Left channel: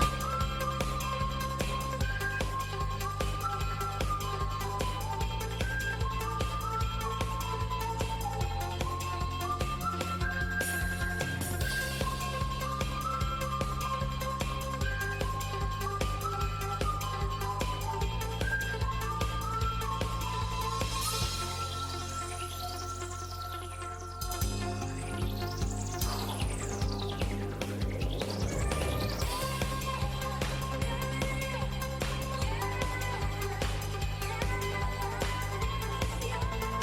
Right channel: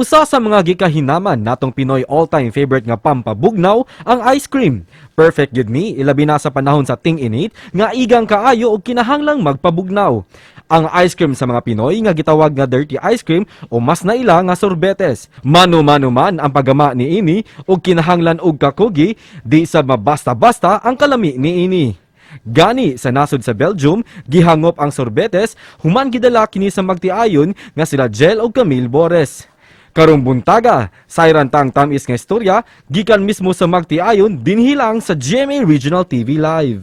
Usa sa mga gikahinaman natong Pinoy all-time favorite nga pampabugnaw ang ice cream. Perfect yun mi, ilabi na sa panahon sa ting-init nga igang kaayo og kinahanglang magpabugnaw. Ang ice cream sa mga Pinoy nga gitawag nga dirty ice cream o mas naila nga sorbetes. Mano-mano man ang paggama ni ini og kinahanglan og kakugi, di sa mabasta-basta ang kalami ni ini. Gani sa nasod sa Belgium, gihangop ang sorbetes, human gidala kini sa magtiayon nga sila Gel o Camille Bores. Karong buntaga, sayran tang tamis nga istorya, gikan mismo sa magtiayon dinhilang sa GMA Regional TV Live.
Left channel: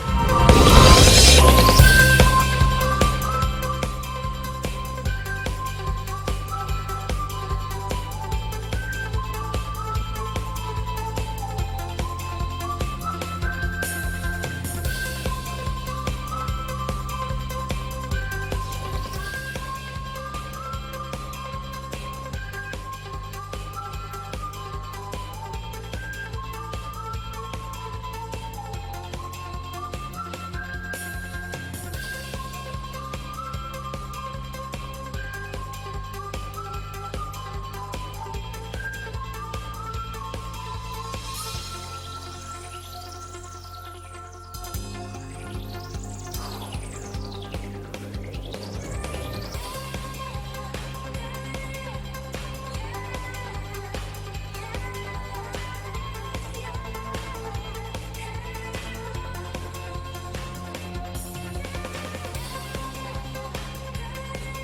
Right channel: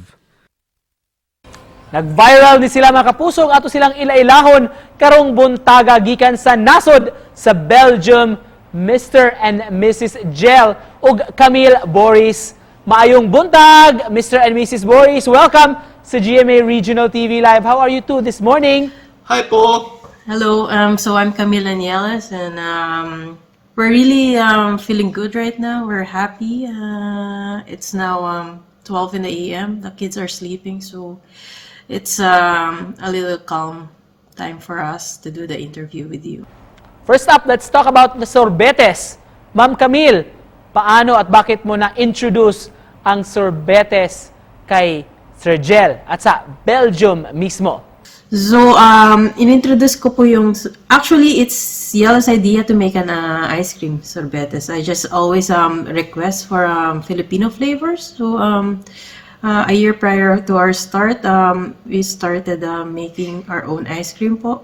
Nag-viral din sila mga kapusong ato silang ilailahon karong buntaga gikan sa nasod sa Belgium, Mr. and Mrs. Gel ug Camille Boris. Maayong buntag, Mr. and Mrs. Boris. Welcome sa GMA Regional TV Live. How are you two this morning? Hi po! Hello, so I'm Camila Nieles, and we're really feeling good right now. We're happy. It's now 12 in the AM. The kids are sleeping, so it's a little calm time for us to do the interview with you. First up, let's talk about the sorbetes. Ma'am Camille, paano at bakit mo na-introduce ang sorbetes kay Sir Gel at sa Belgium mismo? So, in-introduce ko po yung... Actually, it's Yellow's idea to make an ice cream sorbetes. I just always request for Filipino flavors. So, a year prior to our start, we started making our own ice cream po.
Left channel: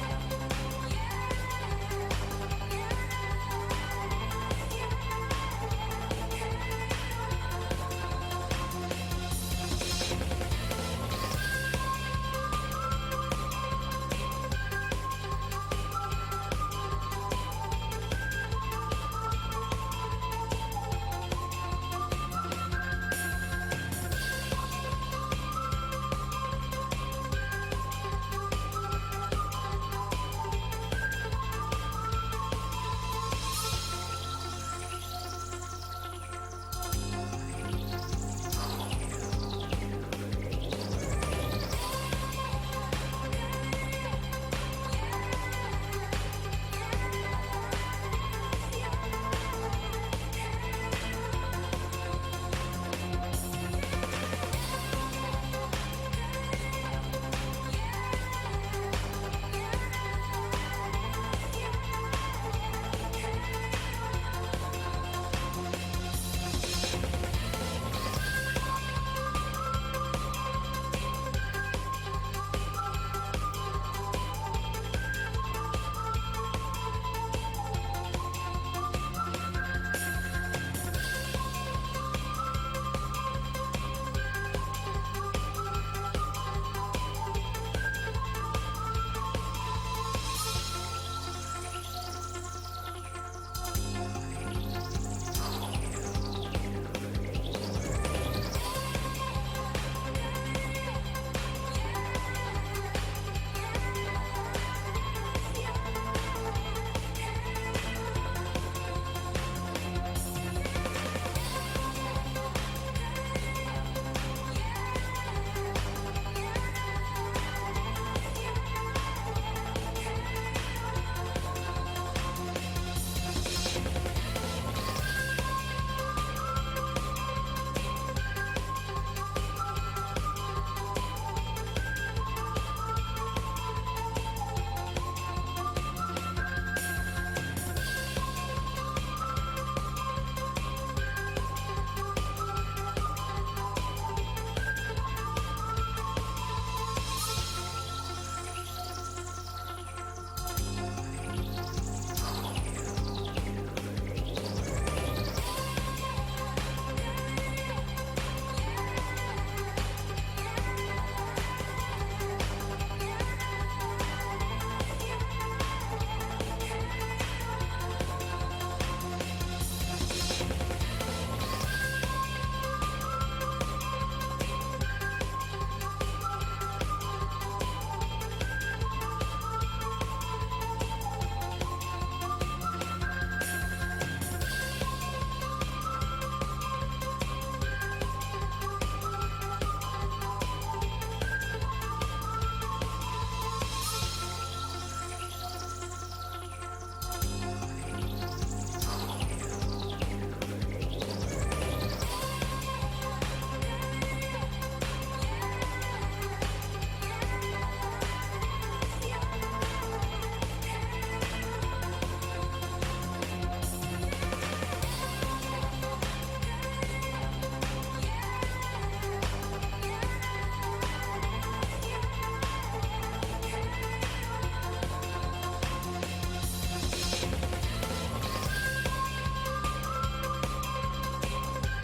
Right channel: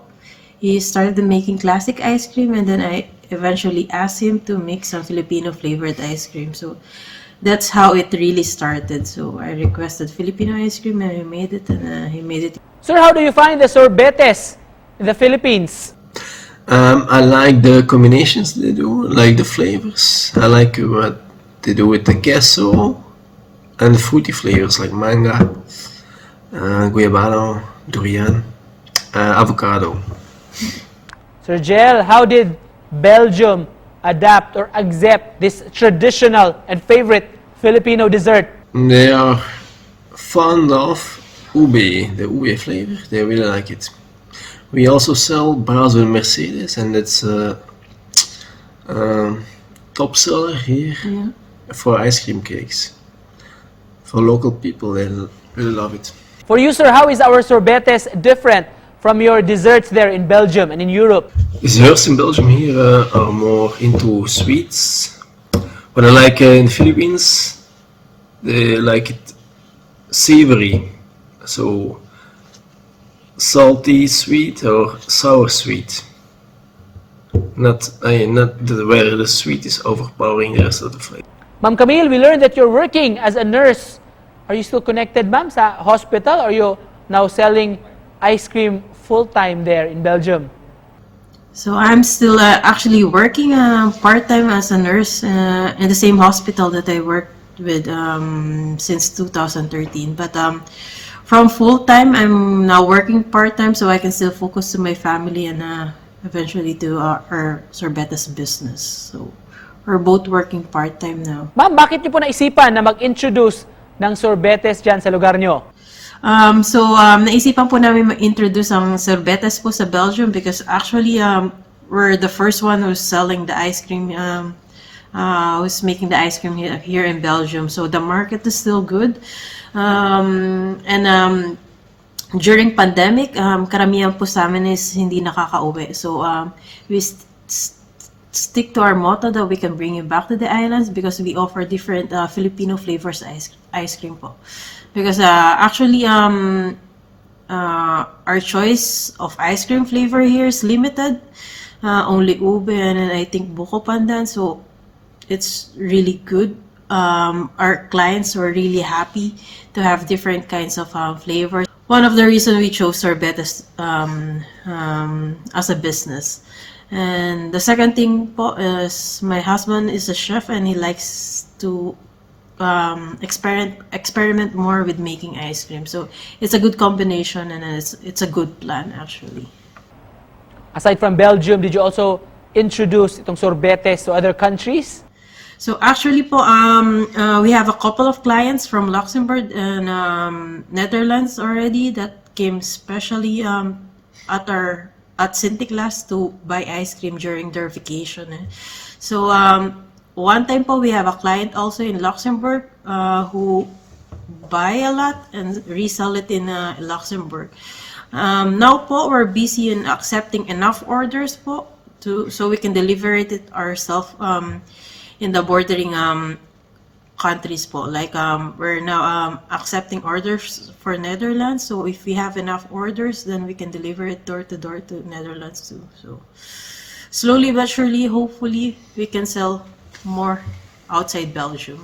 He started making classic ice cream, and then I eventually asked him to make some Filipino flavored ice cream. So, that's how it really started. So, I requested Filipino ice cream, and he made it, and he made it. Sir, how do you find the sorbetes in the Philippines? I like the combinations they do, like the flavors. I like what they do with the queso and the fruity flavors like manga, guayabano, durian, avocado. Sir Gel, how did Belgium adapt or accept this traditional and favorite Filipino dessert? They are fond of ube, the ube flavor. They really like it. We also sell bars with Mercedes, and it's a top seller here for ice cream cakes. For local people, they really love it. For you, sir, how is our sorbetes different from your desserts there in Belgium and in Europe? Desserts in Belgium here are more into sweets, but I like in the Philippines, they like it savory, so salty sweet or sour sweet. Not where the sweet is overpowering the rest of the flavor. Ma'am Camille, we learned that you're working as a nurse. Are you still connected, ma'am, sa hospital? Or are you now selling ice cream full-time there in Belgium? So I'm still actually working part-time as a nurse in the same hospital that I worked with since 2013. But from full-time, I'm now working part-time so I can still focus to my family and eventually to our sorbetes business. So we're both working part-time now. Ma'am, bakit niyo po naisipan na mag-introduce ng sorbetes dyan sa lugar niyo? Naisipan po namin ma-introduce ang sorbetes po sa Belgium because actually we're the first one who's selling the ice cream, who's making the ice cream here in Belgium. So the market is still good. During pandemic, karamihan po sa amin is hindi nakaka-uwi. So we stick to our motto that we can bring you back to the islands because we offer different Filipino flavors ice cream po. Because actually our choice of ice cream flavor here is limited. Only ube and I think buko pandan, so it's really good. Our clients were really happy to have different kinds of flavors. One of the reasons we chose sorbetes as a business. And the second thing po is my husband is a chef and he likes to experiment more with making ice cream. So it's a good combination and it's a good plan actually. Aside from Belgium, did you also introduce itong sorbetes to other countries? So actually po, we have a couple of clients from Luxembourg and Netherlands already that came specially at our at Sintiglas to buy ice cream during their vacation. So one time po we have a client also in Luxembourg who buy a lot and resell it in Luxembourg. Now po we're busy in accepting enough orders po so we can deliver it ourselves in the bordering countries po. Like we're now accepting orders for Netherlands, so if we have enough orders then we can deliver it door to door to Netherlands too. So slowly but surely, hopefully we can sell more outside Belgium.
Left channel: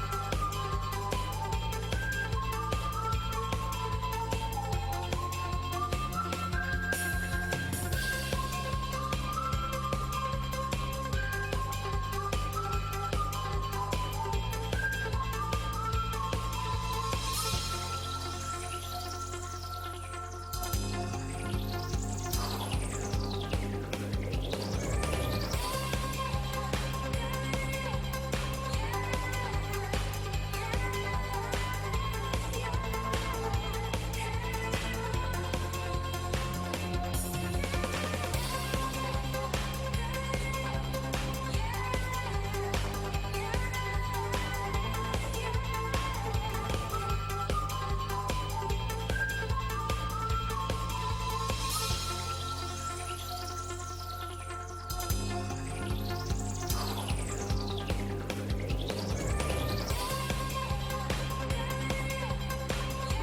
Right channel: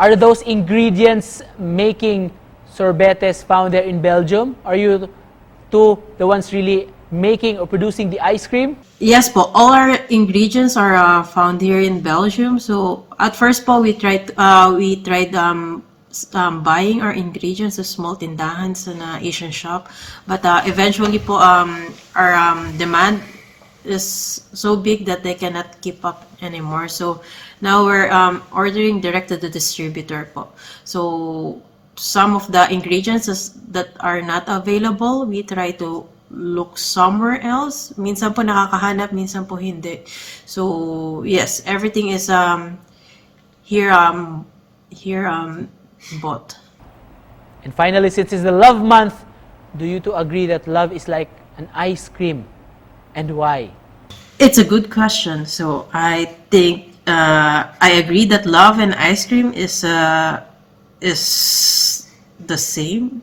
Are those ingredients making sorbetes found there in Belgium? Are you two the ones really making or producing the ice cream? Yes po, all our ingredients are found here in Belgium. So at first po we tried buying our ingredients sa small tindahan sa Asian shop, but eventually po our demand is so big that they cannot keep up anymore. So now we're ordering direct to the distributor po. So some of the ingredients that are not available, we try to look somewhere else. Minsan po nakakahanap, minsan po hindi. So yes, everything is here bought. And finally, since it's the love month, do you two agree that love is like an ice cream? And why? It's a good question. So I think I agree that love and ice cream is the same,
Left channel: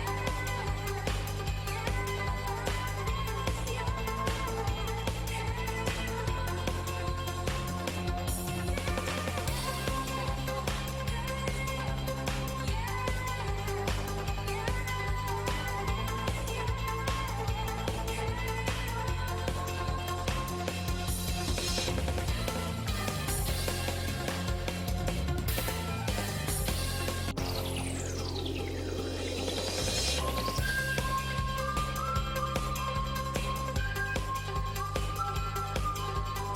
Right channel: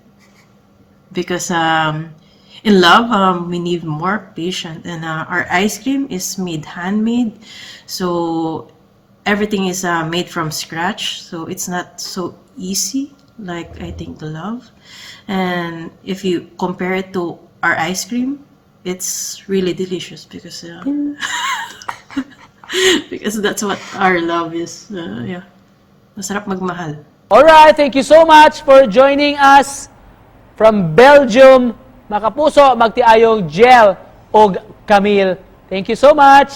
because in love we need more patience, and our ice cream is made handmade, so everything is made from scratch, so it's not so easy like I think love. And if you compare it to our ice cream, it's really delicious because because that's what our love is. Yeah, masarap magmahal. Alright, thank you so much for joining us from Belgium. Mga kapuso, magtiayong Jel og Camille. Thank you so much.